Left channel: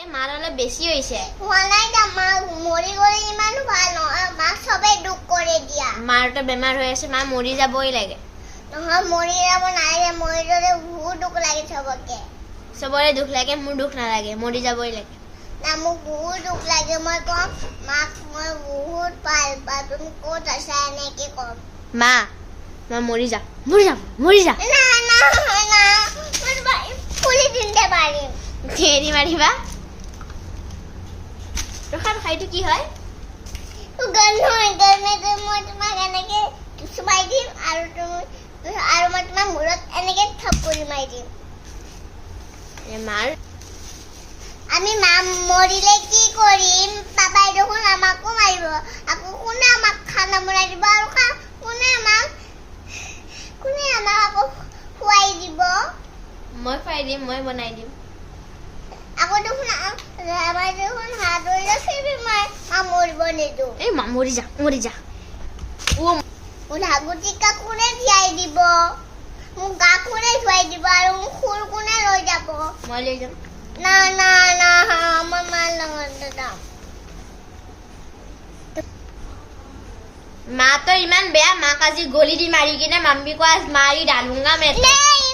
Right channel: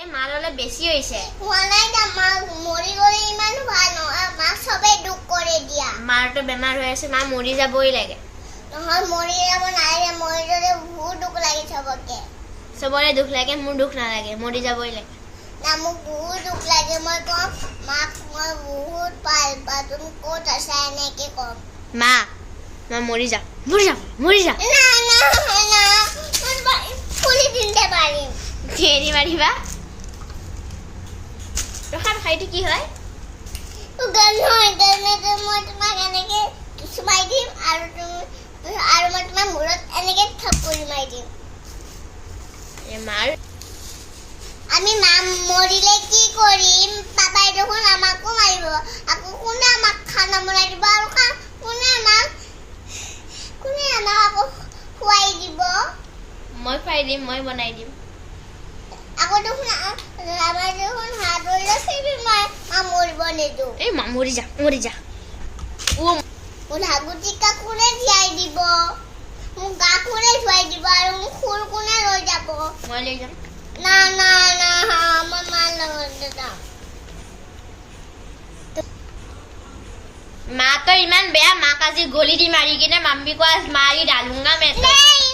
এই মাৰ অলপ বেছি হৈছে। হোৱা নাই দা, মা মৰি গ'লে ইমানো ভাল নহয়, মাক চবেই দুখ কৰে দিয়া। মাৰতো বেমাৰ হৈ আছে, মা মৰি যাবই লাগে। নহয় মৰি যাব নালাগে, মৰি গ'লে বহুত দুখ লাগে চবকে। চবৰে দুখ লাগে, মোৰ দুখ নালাগে, মৰি যাবই লাগে। না মোক বহুত দুখ লাগে, মই কম মাক মই বহুত ভাল পাওঁ, তুমি ক'ত আছা এনেকে কম। মা মৰি যা, মৰি যা, মৰি যা। না না না, মই তোমাক ফুলি দিনতে পাৰিম। হেৰি মাৰিবা ৰখাম। খাইটো কি হয়? গান নহয়, গানতে মই তোমাক এনেকে চুমাই দিম আৰু মই তোমাৰ মূৰত এনেকে থাপৰি মাৰি দিম। মাৰ আমি মা মৰিলে কি কৰিম? পাপাই দেখোন আমাকো মাৰিব, আকৌ কোনে আমাক খানা বনাই দিব আৰু কোনে আমাক আকৌ খুৱাই দিব? মই খুৱাই দিম, মই বনাই দিম। আকৌ দেখোন আমাৰ দেখোন হাত ধৰিলে ফিৰি মা মৰিব নিদিওঁ। এই মা মৰি যা, মৰি যা। মোৰ হাগুটিকা কোনে জীয়াই দিব? মোক গা কোনে ধুৱাই দিব আৰু মোক ফুল কোনে লৈ যাব? মই লৈ যাম। না না না, মই মাৰ লগত যাম। মা তো ইমান বেয়া, মাক আজি গলি দি মাৰি কিনে মাম্মি को आज मारी डालूंगा मैं। नहीं